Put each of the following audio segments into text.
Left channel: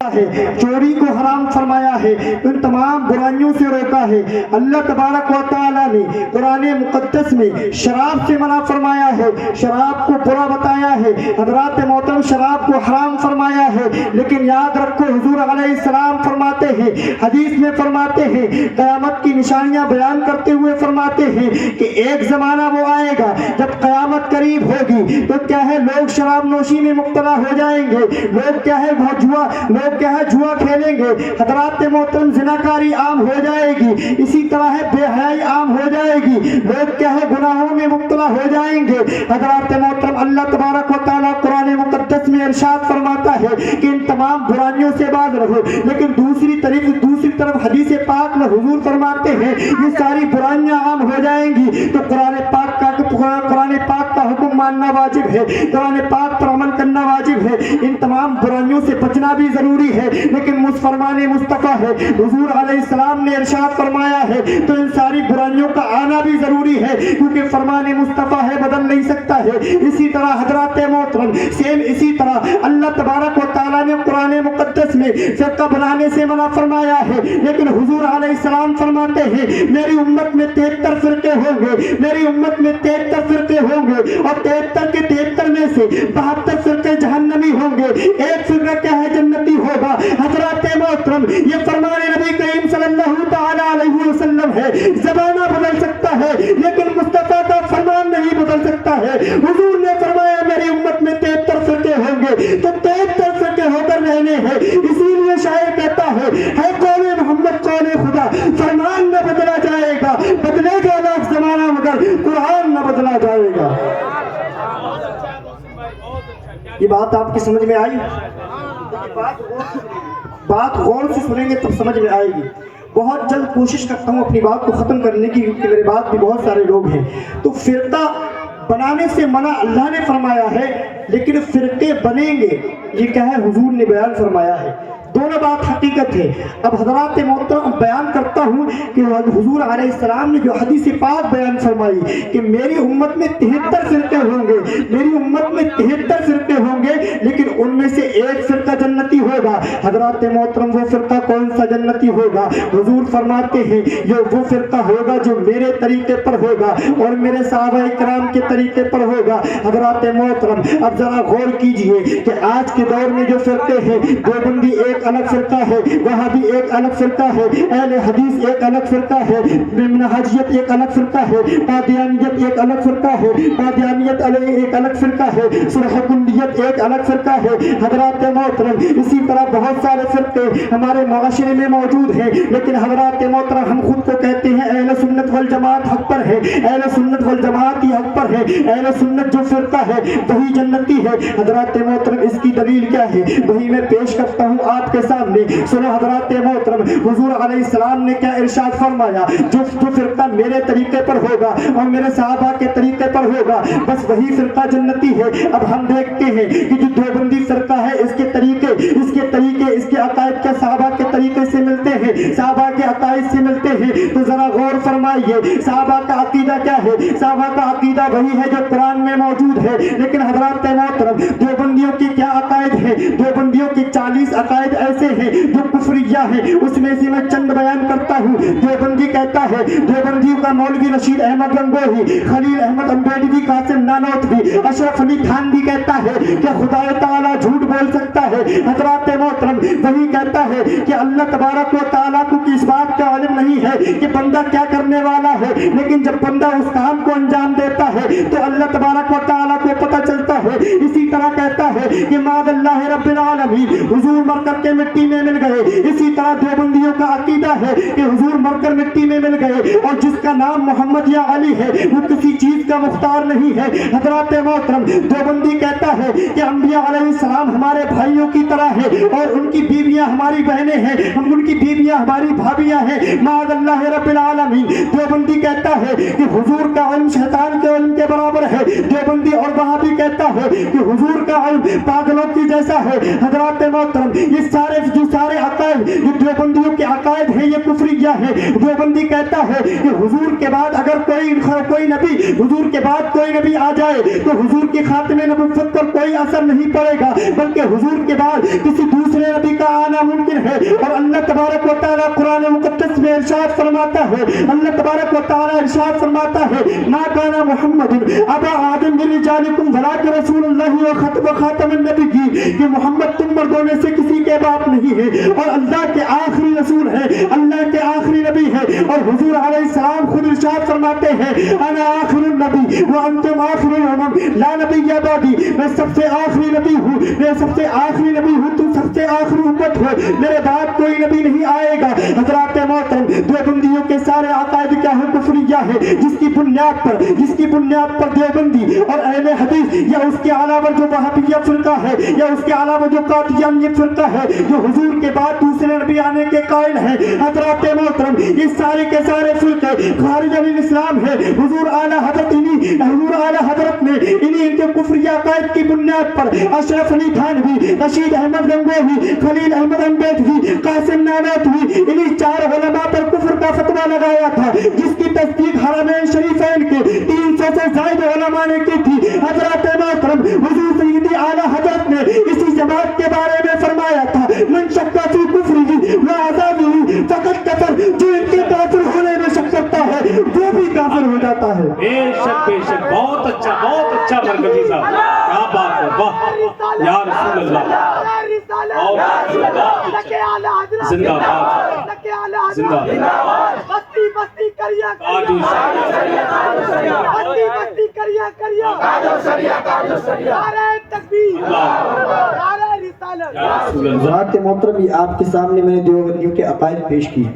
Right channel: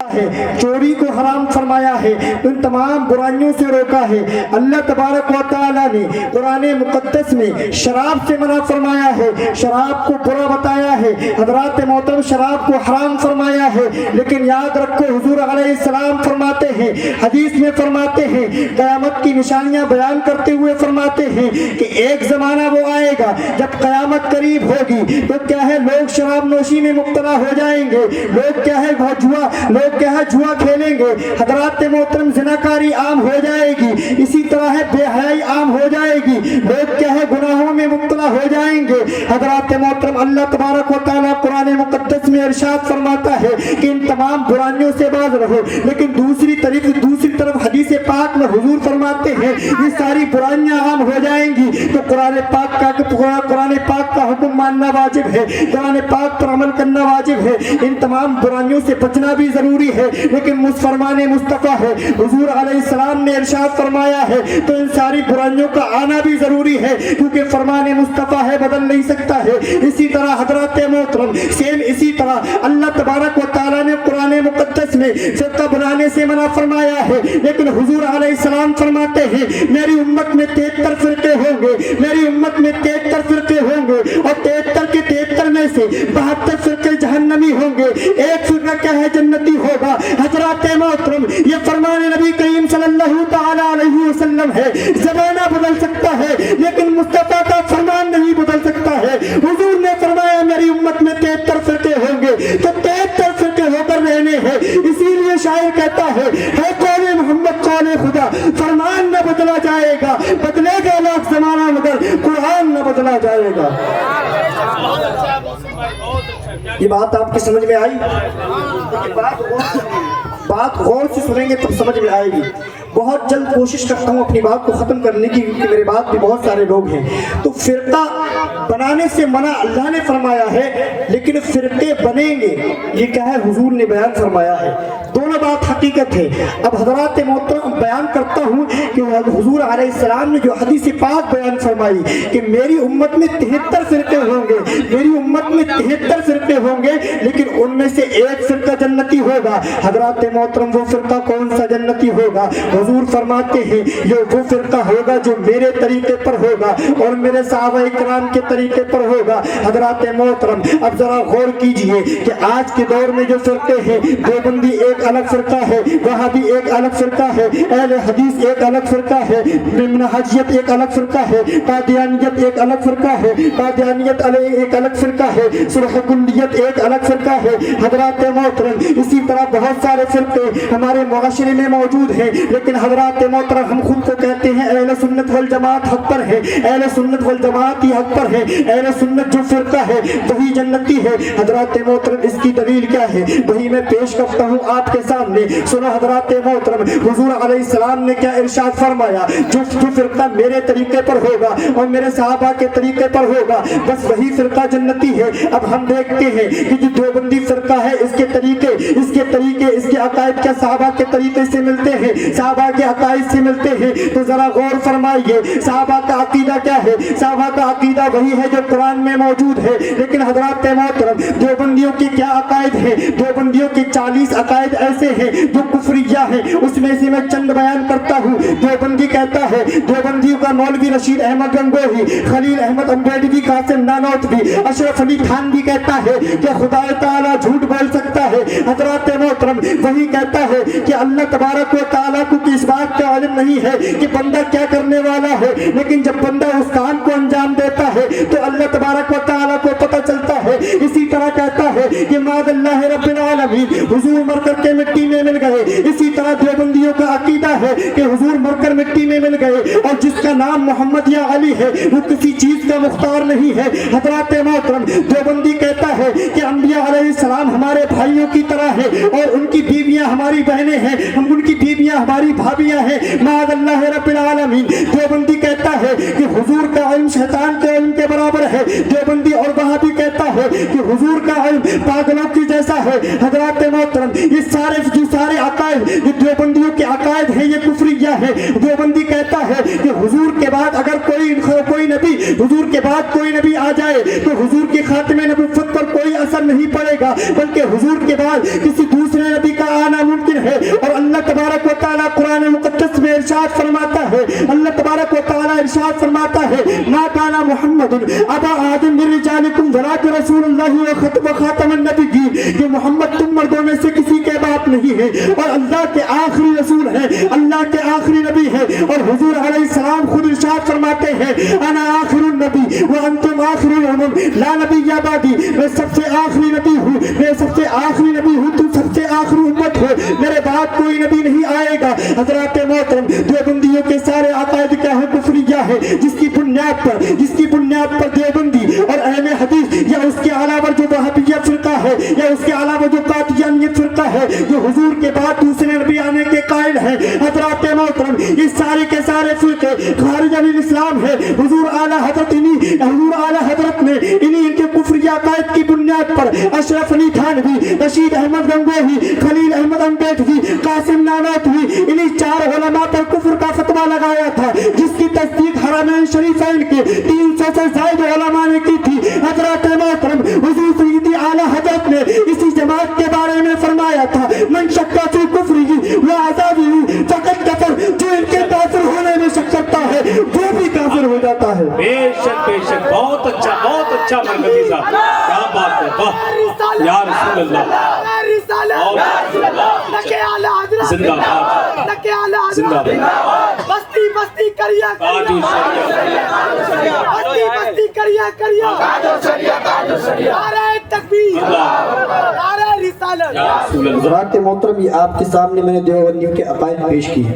ہے، چوری کو حرام فرمایا ہے، ان تمام برائیوں سے روکا ہے۔ اللہ تبارک و تعالیٰ نے قرآن مقدس میں شراب سے منع فرمایا ہے، شراب کو برا بتایا ہے، حضرات محترم شراب کو حرام فرمایا ہے۔ لیکن یاد رکھو حضور علیہ السلام فرماتے ہیں، حدیث میں فرماتے ہیں، قیامت کی نشانیاں بیان کرتے ہوئے فرماتے ہیں کہ ایک زمانہ وہ آئے گا جب قیامت قریب ہوگی تو کیا ہے لوگ شراب نوشی میں مبتلا ہو جائیں گے، لوگ کیا ہے جوا کھیلیں گے، حضرات محترم زناکاری عام ہو جائے گی، اسی طرح ہے بے حیائی عام ہو جائے گی، لوگ کیا ہے گناہوں میں مبتلا ہو جائیں گے۔ حضرات محترم اللہ تبارک و تعالیٰ قرآن مقدس میں ارشاد فرماتا ہے کہ ان تمام برائیوں سے باز رہو، لیکن دوسری طرف حدیث پاک میں حضور فرماتے ہیں یہ ساری برائیاں عام ہو جائیں گی تو قرآن پاک کا حکم ماننا واجب ہے، قرآن پاک پر عمل کرنا واجب ہے، ان تمام برائیوں سے بچنا بھی ضروری ہے۔ لیکن فرمان مصطفیٰ ہے، حضور علیہ السلام نے ارشاد فرمایا ہے تو ان ساری برائیوں کا آنا بھی ضروری ہے، کیونکہ فرمان مصطفیٰ ہے بدل نہیں سکتا ہے۔ اسی طرح حضرات محترم اسی طرح اللہ تبارک و تعالیٰ نے قرآن مقدس میں فرقہ بنانے سے منع فرمایا ہے، لیکن حضور علیہ السلام فرماتے ہیں میری امت میں 73 فرقے ہوں گے، میری امت میں 73 فرقے ہوں گے، اور 73 کے 73 میں سے 72 فرقے جہنمی ہوں گے، ایک فرقہ کیا ہے جنتی ہوگا۔ حضرات محترم یہ فرمان نبی کریم صلی اللہ تعالی علیہ وسلم ہے، زمانہ بدل سکتا ہے لیکن مصطفیٰ کا فرمان نہیں بدل سکتا ہے۔ حضور نے فرمایا میری امت میں 73 فرقے ہوں گے تو 73 فرقے ہو کر رہنے ہیں، اسی لیے شاعر کہتا ہے قول محمد قول خدا، فرمان نہ بدلا جائے گا، بدلے گا لاکھ زمانہ مگر قرآن نہ بدلا جائے گا۔ یہ بات آپ کی سمجھ میں آئی؟ بات غور سے سنیں گے تب سمجھ میں آئے گی۔ بہت جلد کوشش کرتا ہوں اپنی بات کو ختم کرنے کی، کیونکہ میرے بات بھی بہت سارے لوگ ہیں۔ تو فرقہ بنانے سے منع اللہ نے فرمایا ہے، لیکن فرقے بنیں گے یہ کیا ہے حضور نے بیان فرمایا ہے۔ دونوں بات حقیقت ہے۔ اب حضرات محترم بیان کرتا ہوں کہ حضور علیہ السلام نے جو حدیث پاک بیان فرمائی کہ میری امت میں 73 فرقے ہوں گے، میری امت میں 73 فرقے ہوں گے، لیکن ان میں سے ایک فرقہ جنتی ہوگا۔ حضرات محترم وہ فرقہ کون سا جنتی ہوگا؟ حضور فرماتے ہیں یہ وہ فرقہ ہوگا جو میرے طریقے پر ہوگا اور میرے صحابہ کرام کے طریقے پر ہوگا۔ حضرات محترم اب ذرا غور کیجئے کہ آج کے دور میں جو فرقے ہیں، دیوبندی ایک الگ فرقہ ہے، وہابی ایک الگ فرقہ ہے، اہل حدیث ایک الگ فرقہ ہے، منہجیت ایک الگ فرقہ ہے، قادیانیت ایک الگ فرقہ ہے، قادیانیت علیہ ایک الگ فرقہ ہے، صلح کلیت ایک الگ فرقہ ہے۔ حضرات محترم اسی طرح بہت سارے فرقے ہمارے معاشرے میں موجود ہیں، لیکن حضرات محترم ہم خود کو کہتے ہیں اہل سنت والجماعت حق پر ہے، اہل سنت والجماعت ہی حق پر ہے، اہل سنت جو فرقہ ہے وہی جنتی ہے۔ حضرات محترم اس کی دلیل کیا ہے وہی میں پیش کرتا ہوں آپ کے سامنے۔ سنو حضرات محترم حضور علیہ السلام نے کیا ارشاد فرمایا، جو فرقہ میرے طریقے پر ہوگا اور میرے صحابہ کے طریقے پر ہوگا بس وہی فرقہ جنتی ہے۔ اب ہم دیکھتے ہیں کہ جو دیوبندی فرقہ ہے اس کے عقائد کے صحابہ کے طریقے سے ملتے ہیں، صحابہ کے عقائد سے ملتے ہیں، تو ذرا غور فرمائیے صحابہ کا عقیدہ کیا ہے؟ صحابہ کا عقیدہ وہی ہے جو قرآن میں موجود ہے، لیکن حضرات محترم دیوبندیوں کی کیا عقائد ہے؟ دیوبندیوں کی 40 عقائد ایسے ہیں جو کفریہ ہیں، اس میں سے میں چند بیان کرتا ہوں۔ دیوبندی کہتا ہے، دیوبندیوں کا مولوی رشید احمد گنگوہی، خلیل احمد امبیڈوی، قاسم نانوتوی، اشرف علی خان بھی کہتا ہے کہ خدا تعالیٰ جھوٹ بول سکتا ہے۔ حضرات محترم وہی کہتا ہے کہ اللہ تبارک و تعالیٰ کو اس بات کا علم نہیں ہے کہ بندہ کیا کرنے والا ہے، لیکن جب بندہ اس کام کو انجام دیتا ہے تو اللہ تبارک و تعالیٰ کو پتہ چلتا ہے۔ اسی طرح کہتا ہے کہ معاذ اللہ رب العالمین، حضور مر کر کے مٹی میں مل گئے۔ اسی طرح دیوبندیوں کا عقیدہ ہے کہ حضور مر کر مٹی میں مل گئے، اور جس کا نام محمد یا علی ہے وہ کسی چیز کا مختار نہیں ہے۔ حضرات محترم دیوبندی کہتا ہے کہ انبیاء علیہ السلام ہمارے بھائیوں کی طرح ہے اور ان کی بیویاں ہماری بہنیں ہیں، ہم ان کی بیویاں ہماری بھابیاں ہیں، معاذ اللہ رب العالمین۔ دیوبندی کہتا ہے کہ حضور کا علم شیطان کے علم کے برابر ہے۔ دیوبندی اور وہابی کہتا ہے کہ حضور کا علم پاگلوں کی جیسا ہے۔ حضرات محترم یہ سارے عقائد یہ دیوبندیوں کے عقائد ہیں، یہ کفریہ ہے۔ دیوبندی کہتا ہے کہ حضور کے بعد اگر کوئی نبی حضور کے بعد کوئی نبی آ جائے تو حضور کی خاتم نبوت پر کوئی اثر نہیں پڑے گا، بلکہ حضور کے بعد کسی دوسرے نبی کا آنا नामुमकिन है। और अल्लाह तबारक व तआला कुरान मुक़द्दस में इरशाद फरमाता है, अल्लाह तबारक व तआला इरशाद फरमाता है, मा काना मुहम्मदुन अबा आदम मिन रिजालिकुम वलाकिन रसूलुल्लाह व खातमुन नबिय्यीन, कि मोहम्मद तुम मर्दों में से किसी के बाप नहीं है और अल्लाह के आखिरी रसूल है, अल्लाह के आखिरी नबी है। और हुजूर अलैहिस्सलाम खुद इरशाद फरमाते हैं, अना आखिरुन नबी व अंतुम आखिरुल उमम ला नबिय्य बादी, मैं सबसे आखिरी नबी हूँ, मैं सबसे आखिरी नबी हूँ, तुम सबसे आखिरी उम्मत हो, मेरे बाद कोई नबी नहीं आएगा। हज़रात मोहतरम, देवबंदियों के सारे अकायद क्या है, कुफरिया है, जिसकी बुनियाद पर देवबंदी और अहले हदीस या उसके अलावा जो वहाबिया फिरका है या उसके अलावा जो कादियानियत फिरका है, जो हुजूर के बाद दूसरे नबी आने के कायल है, हज़रात मोहतरम, इस सारे के सारे फिरके खारिज अनिल इस्लाम है। हुजूर आला हजरत ने इन्हीं इनके कुफरिया अकायद की बुनियाद पर अशरफ अली थानवी, रशीद अहमद गंगोही, खलील अहमद अम्बेडकरी, कासिम नानोतवी, इन्हीं 4 उलमा पर कुफ्र का फतवा लगाया था, जिसकी तस्दीक हरमैन शरीफैन के 300 से ज़ायद उलमा ने की थी। हज़रत मोहतरम हुजूर सय्यदी आला हज़रत ने इसी जमात के बारे में फरमाया था, मन शक्का फी कुफ्रिही व अज़ाबिही फ़क़द कफ़र, जो इनके काफिर होने में शक करता है वो भी काफिर हो जाता है। बेशक बहुत अच्छा मरकजी साहब, क्या बात है, वाह या रसूल अल्लाह, जिंदाबाद जिंदाबाद, बस्ती करिया नारे तकबीर, नारे रिसालत। हज़रात मोहतरम, ये आपके सामने मैंने देवबंदियों के अकायद पेश किए।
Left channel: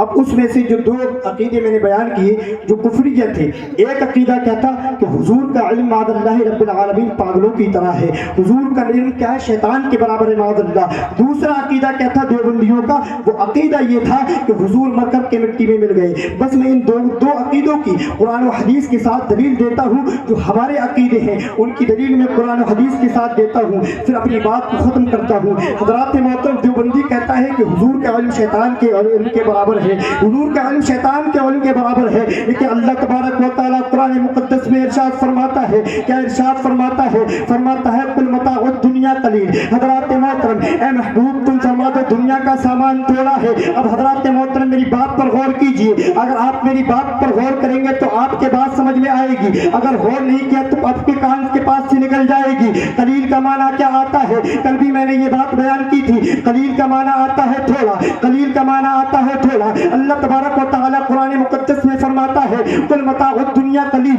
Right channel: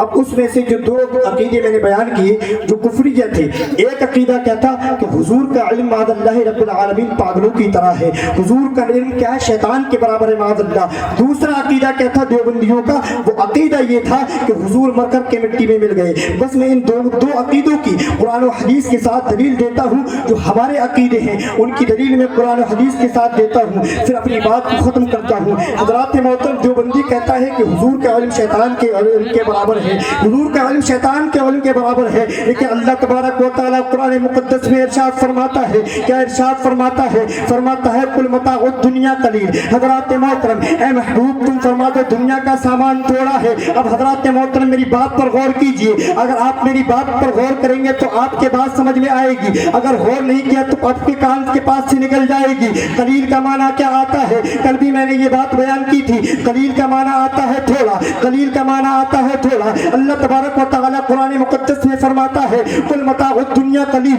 अब उसमें से जो 2 अकीदे मैंने बयान किए जो कुफरिया थे, एक अकीदा क्या था कि हुजूर का इल्म मादल्लाह रब्बिल आलमीन पागलों की तरह है, हुजूर का इल्म क्या है, शैतान के बराबर है मादल्लाह। दूसरा अकीदा क्या था देवबंदियों का, वो अकीदा ये था कि हुजूर मरकर के मिट्टी में मिल गए। बस मैं इन दो अकीदों की कुरान और हदीस के साथ दलील देता हूँ। जो हमारे अकीदे हैं उनकी दलील मैं कुरान और हदीस के साथ देता हूँ, फिर अपनी बात को ख़त्म करता हूँ। हज़रात मोहतरम, देवबंदी कहता है कि हुजूर का इल्म शैतान के इल्म के बराबर है, हुजूर का इल्म शैतान के इल्म के बराबर है। लेकिन अल्लाह तबारक व तआला कुरान मुक़द्दस में इरशाद फरमाता है, क्या इरशाद फरमाता है कुल मताउद दुनिया कलील। हज़रात मोहतरम, ए महबूब तुम फरमा दो दुनिया का सामान थोड़ा है। अब हज़रात मोहतरम मेरी बात पर गौर कीजिए, अगर आप मेरी बात पर गौर करेंगे तो आपके बात समझ में आएगी, अगर गौर नहीं किया तो आपके कान के पास से निकल जाएगी। कलील का माना क्या आता है, कल भी मैंने ये बात बयान की थी। कलील का माना आता है थोड़ा, कलील का माना आता है थोड़ा। अल्लाह तबारक व तआला कुरान मुक़द्दस में फरमाता है कुल मताउद दुनिया कलील।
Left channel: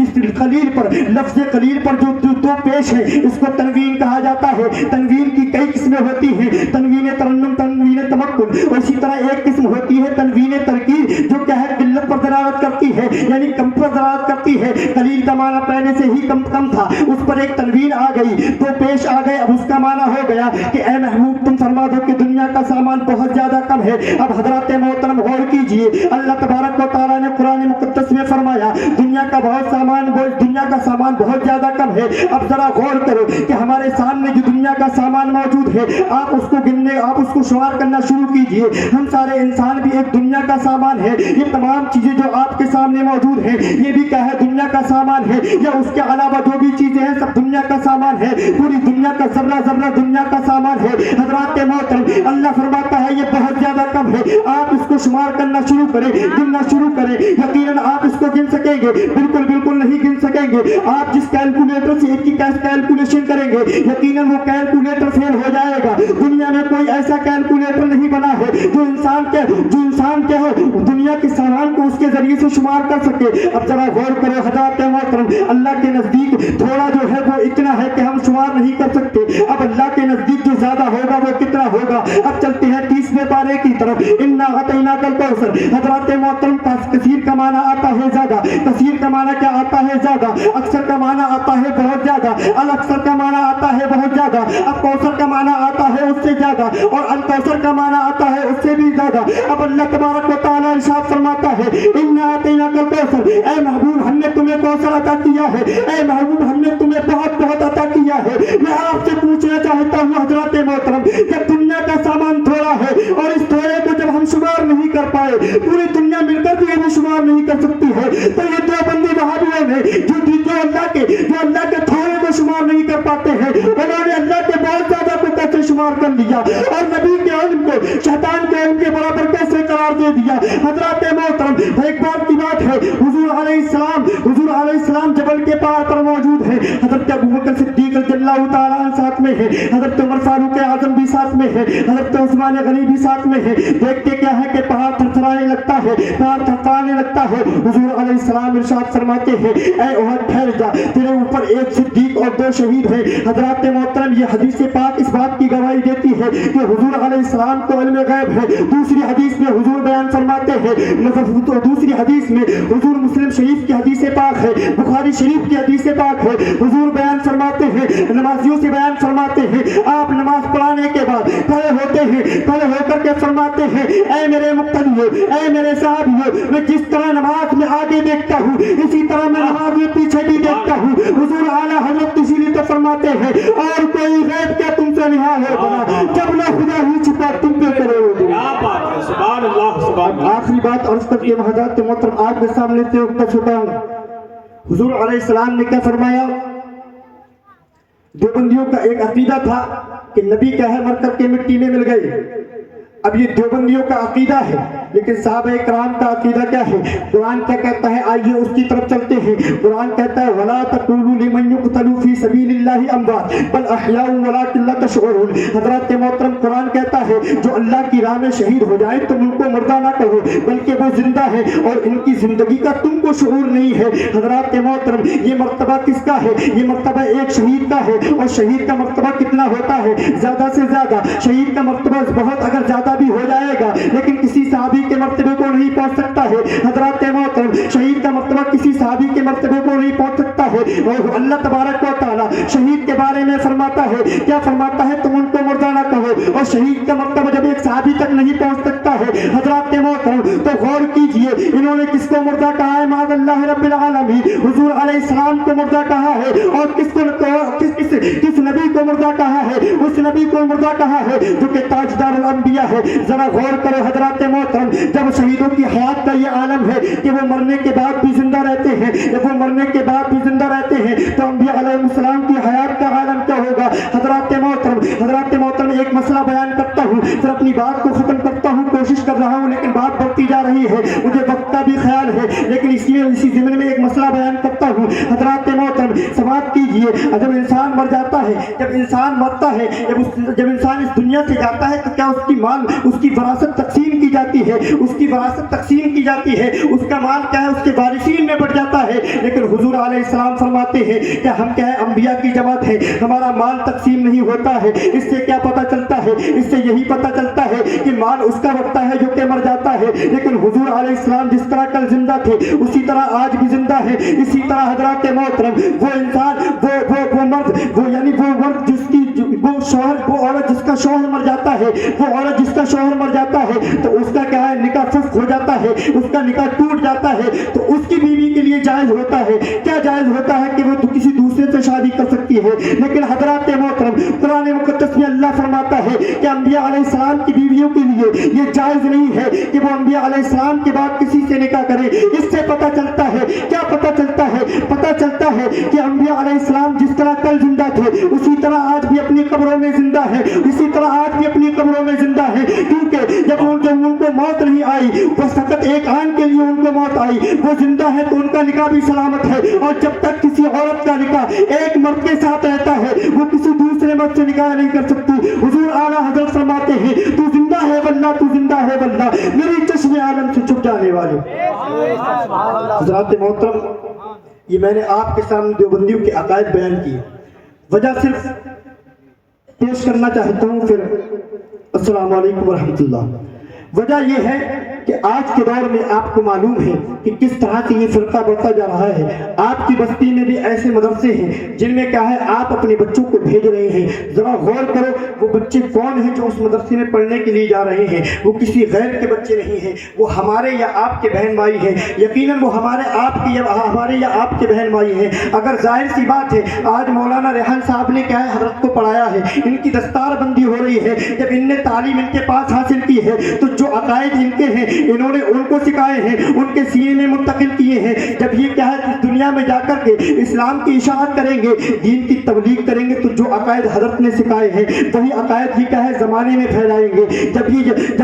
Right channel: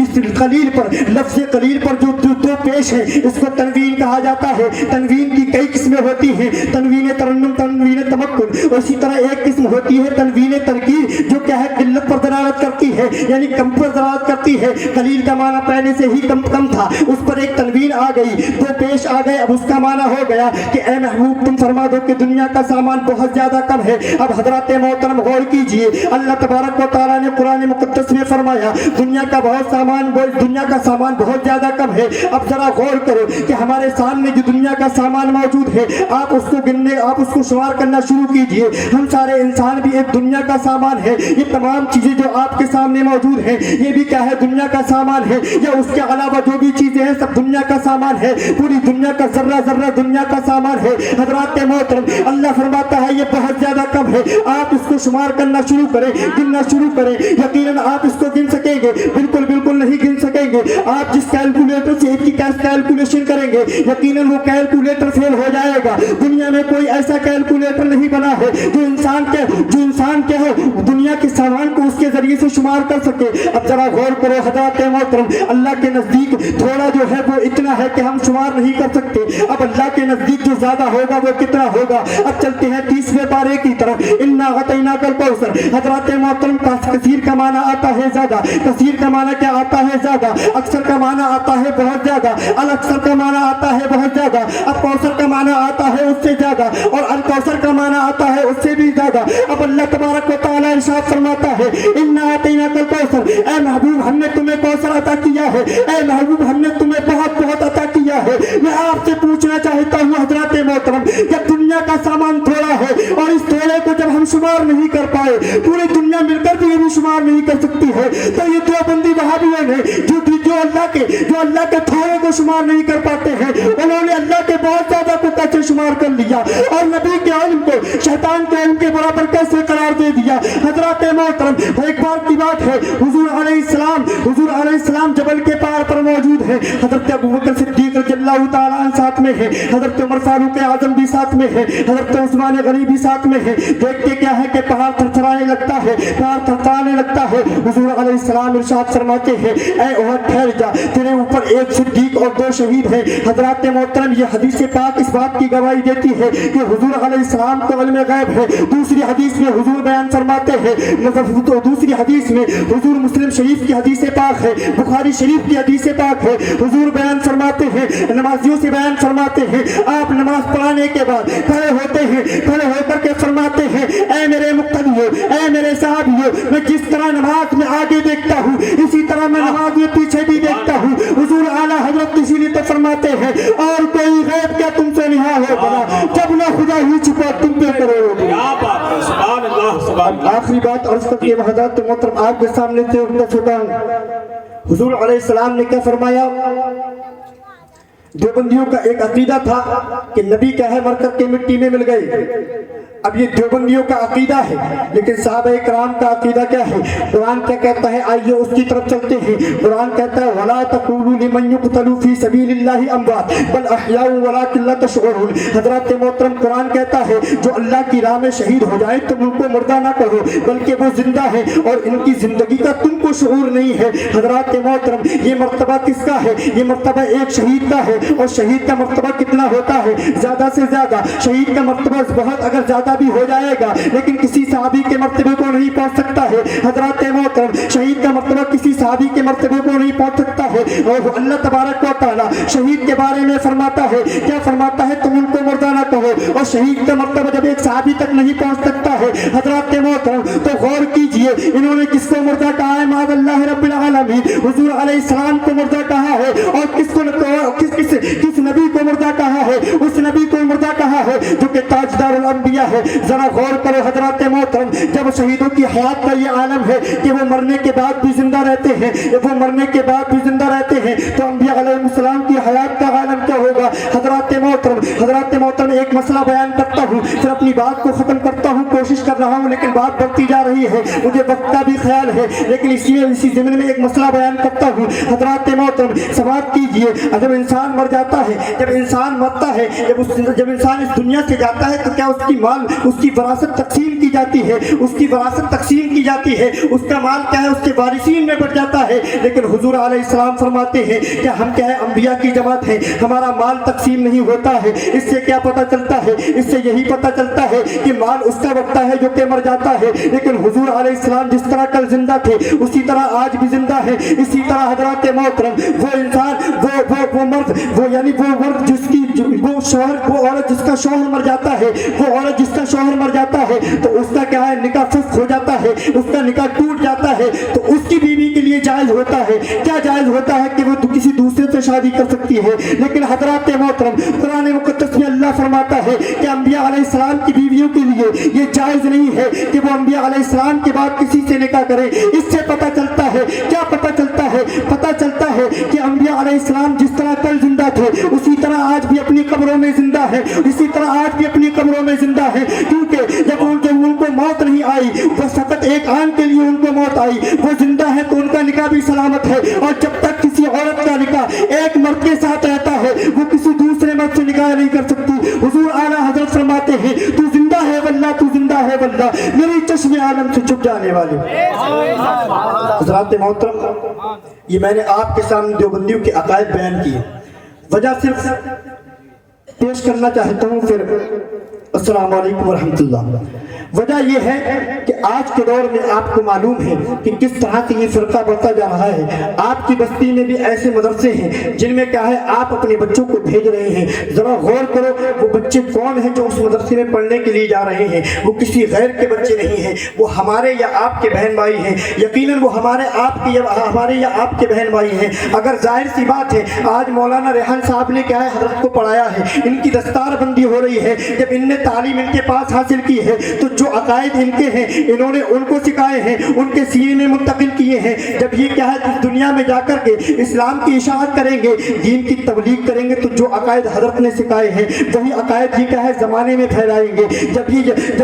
इस कलील पर, लफ्ज़ कलील पर जो 2 पेश है, इसको तनवीन कहा जाता है। तनवीन की कई किस्में होती हैं, तनवीन तरन्नुम, तनवीन तमक्कुन। उसी तरह एक किस्म होती है तनवीन तरकीब, जो क्या है किल्लत पर दलालत करती है, यानी कम पर दलालत करती है। कलील का माना पहले से ही कम था, उस पर एक तनवीन आ गई, 2 पेश आ गए। अब उसका माना हो गया कि ए महबूब तुम फरमा दो कि दुनिया का सामान बहुत ज्यादा कम है। अब हज़रात मोहतरम गौर कीजिए, अल्लाह तबारक व तआला ने कुरान मुक़द्दस में फरमाया दुनिया का सामान बहुत ज्यादा कम है। अब जरा गौर करो कि हमारे सामने जो दुनिया का सामान मौजूद है, आप उसको शुमार करना शुरू कीजिए। हम सारे इंसान भी एक दुनिया का सामान है। ये तमाम चीजें जो आपके सामने मौजूद है, ये भी क्या है, दुनिया का सामान है। या उसके अलावा जो भी चीजें हैं सब दुनिया का सामान है। पूरी दुनिया का जर्रा दुनिया का सामान है। हज़रात मोहतरम, अल्लाह फरमाता है ये बहुत ज्यादा कम है। आप इसको शुमार करना शुरू करें, गिनना शुरू करें, यकीनन आप इसको गिन सकेंगे। बिल्कुल नहीं गिन सकेंगे। आप जिस कैलकुलेटर से इसकी कैलकुलेशन करेंगे, यकीनन वो कैलकुलेटर फेल हो जाएगा। दुनिया में कोई ऐसा कैलकुलेटर नहीं बना है जो इंसान के हो दुनिया के सामान को उसके जरिए से शुमार कर सके। अब जरा गौर करो हज़रात मोहतरम, अल्लाह के नजदीक थोड़ा जो है वो इतना है कि हम शुमार नहीं कर सकते। अब अल्लाह के नजदीक जो ज्यादा होगा वो कितना होगा। अब चलते हैं 30वें पारे की तरफ। इन्ना अतैनाकल कौसर। हज़रात मोहतरम, कसीर का माना आता है ज्यादा। कसीर का माना क्या आता है, ज्यादा। अक्सर का माना आता है बहुत ज्यादा। अल अक्सर का माना आता है बहुत ज्यादा। अब कौसर का माना आता है उससे ज्यादा, और अल कौसर का माना आता है उससे भी ज्यादा। अब अल्लाह तबारक व तआला इरशाद फरमाता है इन्ना अतैनाकल कौसर, ए महबूब हमने तुम्हें कौसर अता किया है। ए महबूब हमने तुम्हें बहुत अता किया है। मैं आपसे पूछना चाहता हूँ हज़रात मोहतरम, जब दुनिया का सामान थोड़ा है और इस थोड़े को जब हम शुमार नहीं कर पाए, पूरी दुनिया मिलकर भी शुमार नहीं कर सकती है, तो ये देवबंदी वहाबियों ने जो अल्लाह के थोड़े को शुमार नहीं कर पाते हैं, उन्होंने अल्लाह के बहुत ज्यादा को कैसे शुमार शुमार कर लिया और नबी के इल्म को शैतान के इल्म के बराबर कैसे करार दे दिया। हजरत मोहतरम एक बार की बात है, हुजूर अलैहिस्सलाम जबल के पहाड़ पर मौजूद है। हजरत अबू बकर सिद्दीक रज़ियल्लाहु ताला अन्हु साथ में है, हजरत उमर फारूक आजम भी साथ में है, हजरत उस्मान गनी भी साथ में है। देखते क्या है कि पहाड़ थरथराने लगता है, पहाड़ थरथराने लगता है। हुजूर अलैहिस्सलाम इरशाद फरमाते हैं, ऐ उहद ठहर जा, तेरे ऊपर एक सिद्दीक और 2 शहीद है। हजरत मोहतरम ये हदीस पाक इस बात की गवाही देती है कि हुजूर अलैहिस्सलाम को इल्म गैब है। दूसरी हदीस में हुजूर बयान फरमाते हैं, दूसरी हदीस में हुजूर मुस्लिम शरीफ की हदीस पाक है, बुखारी शरीफ की हदीस पाक है। हुजूर बयान फरमाते हैं, नमाजियों से बयान फरमाते हैं, आप नमाज पढ़ाने के बाद खड़े होते हैं, खड़े होकर के फरमाते हैं, ऐ मेरे मुक्तदियों, ऐ मेरे साहबियों, मैं जिस तरह नमाज में आगे देखता हूँ इसी तरह मैं नमाज में पीछे भी देखता हूँ। हुजूर आला हजरत इसीलिए तो फरमाते हैं, और कोई गैब क्या तुमसे निहा हो बना, जब ना खुदा ही छिपा तुम पे करो। क्या बात है, सुभान अल्लाह, सुभान अल्लाह। आखिरी बात अर्ज करके हजरत मोहतरम आपके सामने से उठना छूटा हूँ। हुजूर अलैहिस्सलाम ने क्या फरमाया, देवबंदियों का एक अकीदा था कि नबी क्या है मर करके मिट्टी में मिल गए। अब ये देवबंदियों का अकीदा है, लेकिन साहबा इकराम का अकीदा क्या है? कुरान क्या कहता है, आइए उसकी तरफ चलते हैं। कुरान कहता है, वला तक़ूलू लिमन युक़तलू फी सबीलिल्लाहि अमवात बल अहयाउ वलाकिन ला तशऊरून। हजरत मोहतरम कुरान कहता है, जो अल्लाह की राह में शहीद हो जाए तो उनको मुर्दा ना कहो, बल्कि वो जिंदा है और इनकी जिंदगी का तुमको शऊर नहीं है। हजरत मोहतरम ये मर्तबा किसका है? ये मर्तबा एक शहीद का है। और शहीद का मर्तबा कितना होता है? ज्यादा से ज्यादा शहीद का मर्तबा बहुत अगर ज्यादा भी हो जाएगा, लेकिन किसी सहाबी के मर्तबे को नहीं पहुंच सकता है। हजरत मोहतरम शहीद का मर्तबा किसी सहाबी के मर्तबे को नहीं पहुंच सकता है। और अल्लाह तबारक व तआला शहीद के बारे में फरमाता है, क्या फरमाता है, तुम उनको मुर्दा ना कहो। और शहीद का मर्तबा जब एक सहाबी तक नहीं पहुंच सकता है हजरत मोहतरम, तो गौर कीजिए इन्होंने किसको मुर्दा कहा है? माअल्लाह रब्बिल आलमीन हुजूर अलैहिस्सलाम को मुर्दा कहा है। और किस नबी को मुर्दा कहा है? उस नबी को मुर्दा कहा है जो कि ताजदारुल अंबिया है। जरा गौर करो हजरत मोहतरम, जब शहीदों की हयात का ये आलम है कि वो मरने के बाद भी जिंदा रहते हैं, जब वो मरने के बाद भी जिंदा रहते हैं, तो अंबिया अलैहिस्सलाम की हयात का आलम क्या होगा? हजरत मोहतरम एक मसला बयान करता हूँ, फिर अपनी बात को खत्म करता हूँ, कोशिश कर रहा हूँ, लेकिन बात बढ़ती जा रही है, मुझे वक्त का भी ख्याल है, लेकिन इसी ज़मीन में एक मसला बयान करता हूँ। हजरत मोहतरम समाप्त कीजिए, जब इंसान मर जाता है, जब इंसान मरता है, जब इंसान इस दुनिया से जाता है, तो क्या उसकी वरासत तकसीम की जाती है? उसकी वरासत तकसीम की जाती है, उसका माल क्या है उसके वारिसीन में बढ़ जाता है। लेकिन हुजूर अलैहिस्सलाम फरमाते हैं कि हम क्या है, अंबिया की जमात है, हमारा माल तकसीम नहीं होता है। इससे क्या पता चलता है? इससे यही पता चलता है कि माल उसका बढ़ता है जो कि मर जाता है। लेकिन हुजूर अलैहिस्सलाम जिस तरह कल जिंदा थे उसी तरह आज भी जिंदा है। इसी तरह हजरत मोहतरम वो इंसान वो मर्द वो औरत जिसका शौहर मर जाता है, वो औरत जिसका शौहर मर जाता है, तो उसका क्या है, निकाह फस्ख हो जाता है, उसका निकाह टूट जाता है, तो उसकी बीवी के लिए जायज होता है, क्या जायज होता है कि वो किसी दूसरे से शादी कर सकती है। लेकिन हजरत मोहतरम कुरान मुक़द्दस में अल्लाह फरमाता है कि अंबिया अलैहिस्सलाम की बीवियों के लिए ये जायज नहीं है कि वो अंबिया अलैहिस्सलाम के बाद किसी से निकाह करे। इससे पता चलता है, क्या पता चलता है? पता चलता है कि अंबिया अलैहिस्सलाम जिस तरह कल जिंदा थे उसी तरह आज भी अपनी कब्रों में जिंदा है, इसी तरह आज भी अपनी कब्रों में जिंदा है। क्योंकि जब उनको मौत नहीं आई, वो सख्त एक आन के लिए उनको मौत आई, वो जिंदा है तो उनका निकाह भी सलामत है। और जब तक किसी औरत का निकाह एक मर्द के साथ रहता है, वो किसी दूसरे मर्द से निकाह नहीं कर सकती। हुजूर आला हजरत फरमाते हैं, तू जिंदा है वल्लाह, तू जिंदा है वल्लाह, मेरी चश्मे आलम से छुप जाने वाले। हजरत मोहतरम, ये मैंने आपके सामने देवबंदियों के अकायद बयान किए, वजह सिर्फ पेश करना चाहता हूँ, फिर अस्सलाम वालेकुम व रहमतुल्लाह। वजह यह है कि आज के दौर में आपको मालूम है कि किस तरह से ये फिरका बढ़ता जा रहा है। आपकी बस्ती में भी ऐसे मदरसे हैं जिनमें क्या है, आप अपने बच्चों को भेज रहे हैं। जरा गौर करो, वो बच्चे कौन हैं जो उस मदरसे में पढ़ने के लिए जा रहे हैं? वो किसी गैर के बच्चे नहीं हैं, वो हमारे या आपके बहन भाई हैं। यकीनन वो हमारे या आपके बहन भाई हैं। अगर जाहिर सी बात है, आज मौलाना रेहान साहब ने क्या है हजरत को पढ़ाया है, इनकी दस्तारबंदी हो रही है, जब इनने तालीम इनके पास हासिल की है तो जो अकायद इनके हैं इन्होंने उनको सिखाए हैं, उनके सीने में मुंतकिल किए हैं। जब ये क्या है इस दुनिया में जाकर के इस्लाम की इशाअत करेंगे, दीन की तबलीग करेंगे, तो जो अकायद हजरत ने सिखाए हैं वही अकायद ही क्या है ज़माने में फैलाएंगे। जब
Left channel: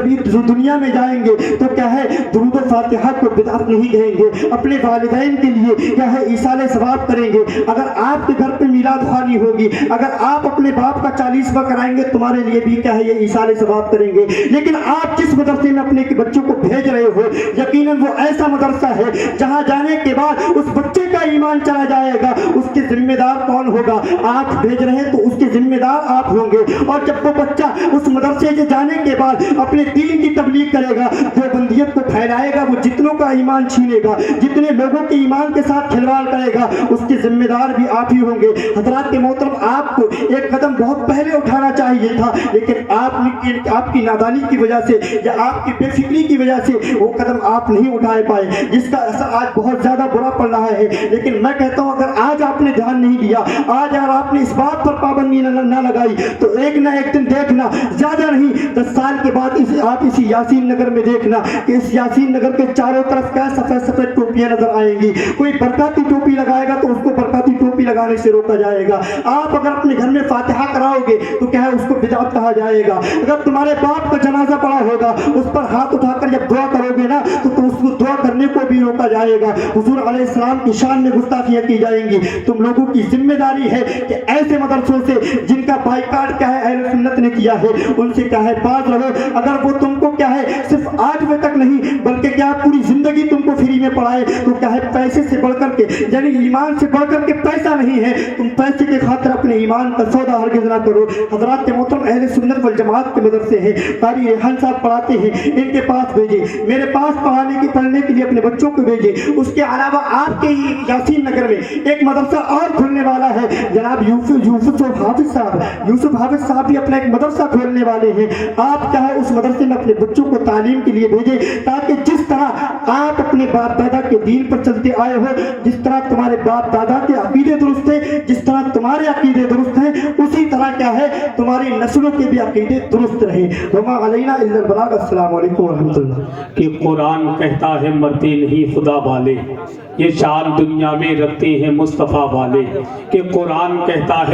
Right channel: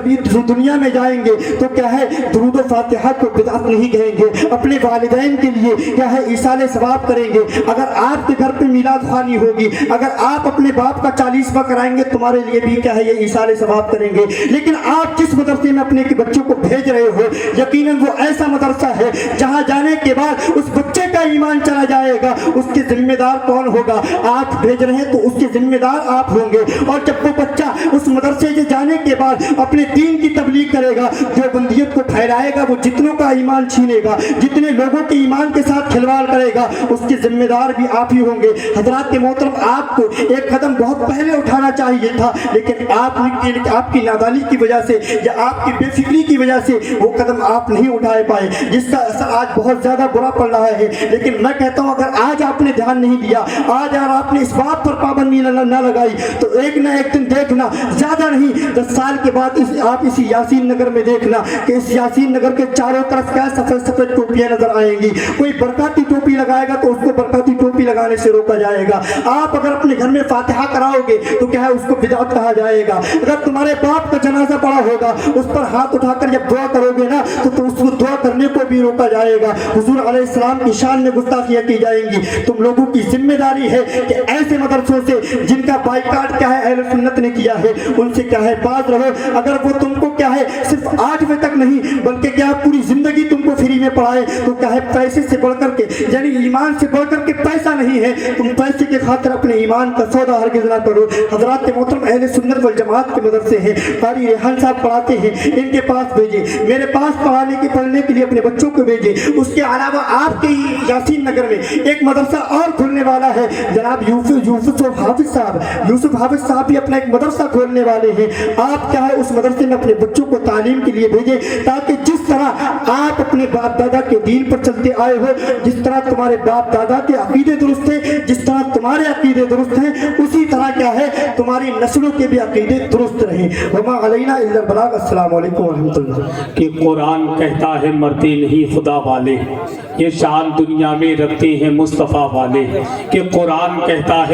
ये दुनिया में जाएंगे तो क्या है दुरूद फातिहा को बिदअत नहीं कहेंगे, अपने वालिदैन के लिए क्या है ईसाले सवाब करेंगे। अगर आपके घर पे मीलाद खानी होगी, अगर आप अपने बाप का 40वां कराएंगे, तुम्हारे लिए भी क्या है ये ईसाले सवाब करेंगे। लेकिन आप जिस मदरसे में अपने बच्चों को भेज रहे हो, यकीनन वो ऐसा मदरसा है जहां जाने के बाद उस बच्चे का ईमान चला जाएगा। उसके जिम्मेदार कौन होगा? आप भेज रहे हैं तो उसके जिम्मेदार आप होंगे। और जब वो बच्चा उस मदरसे से जाने के बाद अपने दीन की तबलीग करेगा, देवबंदियत को फैलाएगा, वो जितनों का ईमान छीनेगा, जितने लोगों के ईमान के साथ खिलवाड़ करेगा, उसके जिम्मेदार भी आप ही होंगे। हजरात के मोहतरम, आपको एक कदम बहुत पहले उठाना चाहिए था, लेकिन आपकी नादानी की वजह से या आपकी बेफिक्री की वजह से वो कदम आप नहीं उठा पाए, जिसका असर आज बहुत ज्यादा बुरा पड़ रहा है। लेकिन मैं कहता हूँ अगर आज आपने ध्यान नहीं दिया, आज अगर आपने इस बात पर पाबंदी न लगाई, तो एक ना एक दिन देखना, ज्यादा नहीं 10 साल के बाद आप इसी यासीन नगर में देखना कि इस यासीन नगर के चारों तरफ क्या सफेद सफेद टोपियां नजर आएंगी। कोई बरकाती टोपी लगाएगा तो उसको बरकाती टोपी लगाने से रोका जाएगा। आप अगर अपने घर में फातिहा कराओगे तो क्या है उसको बिदअत कहा जाएगा। अगर तुम्हारे बाप का जनाजा पड़ा होगा, उस पर हाथ उठाकर जब दुआ करोगे ना तो उसको दुआ करने को भी रोका जाएगा। हुजूर अलैहिस्सलाम की शान में गुस्ताखियां की जाएंगी। तुम लोगों की जिम्मेदारी है कि ऐसे मदरसों से जिनका बाइकाट क्या है अहले सुन्नत ने किया है, उनसे क्या है बात रहो। अगर वो तुमको क्या है सिर्फ 8वें तक नहीं बल्कि क्या है पूरी जिंदगी तुमको फ्री में पढ़ाए, तो क्या है पैसे से बढ़कर के यानी ईमान से बढ़कर के पैसा नहीं है। तुम पैसे के खातिर अपने ईमान का सौदा हरगिज़ ना करो। हजरात के मोहतरम, अहले सुन्नत वल जमात के मदरसे हैं, कारी रेहान साहब पढ़ाते हैं, इनके पास भेजे, मेरे पास पढ़ने के लिए अपने बच्चों को भेजे। उसके अलावा आपके ही यासीन नगर में एक मदरसा और खुलने वाला है। जनाब यूसुफ हाफिज साहब भी अपना एक मदरसा खोलने वाले हैं। आप क्या है उस मदरसे में अपने बच्चों को तालीम के लिए भेजें, ताकि जिस तरह आप अपने बाप दादा के दीन पर चलते आए हो, जिस तरह तुम्हारे बाप दादा के अकीदे दुरुस्त है, जिस तरह तुम्हारे अकीदे दुरुस्त हैं, उसी तरह क्या है तुम्हारी नस्लों के भी अकीदे दुरुस्त रहें। वमा अलैना इल्लल बलाग। अस्सलाम वालेकुम व रहमतुल्लाह। कि कुरान कहता है मरते नहीं खुदा वाले, ये शान दुनिया में रखते हैं मुस्तफ़ा वाले। कि कुरान कहता है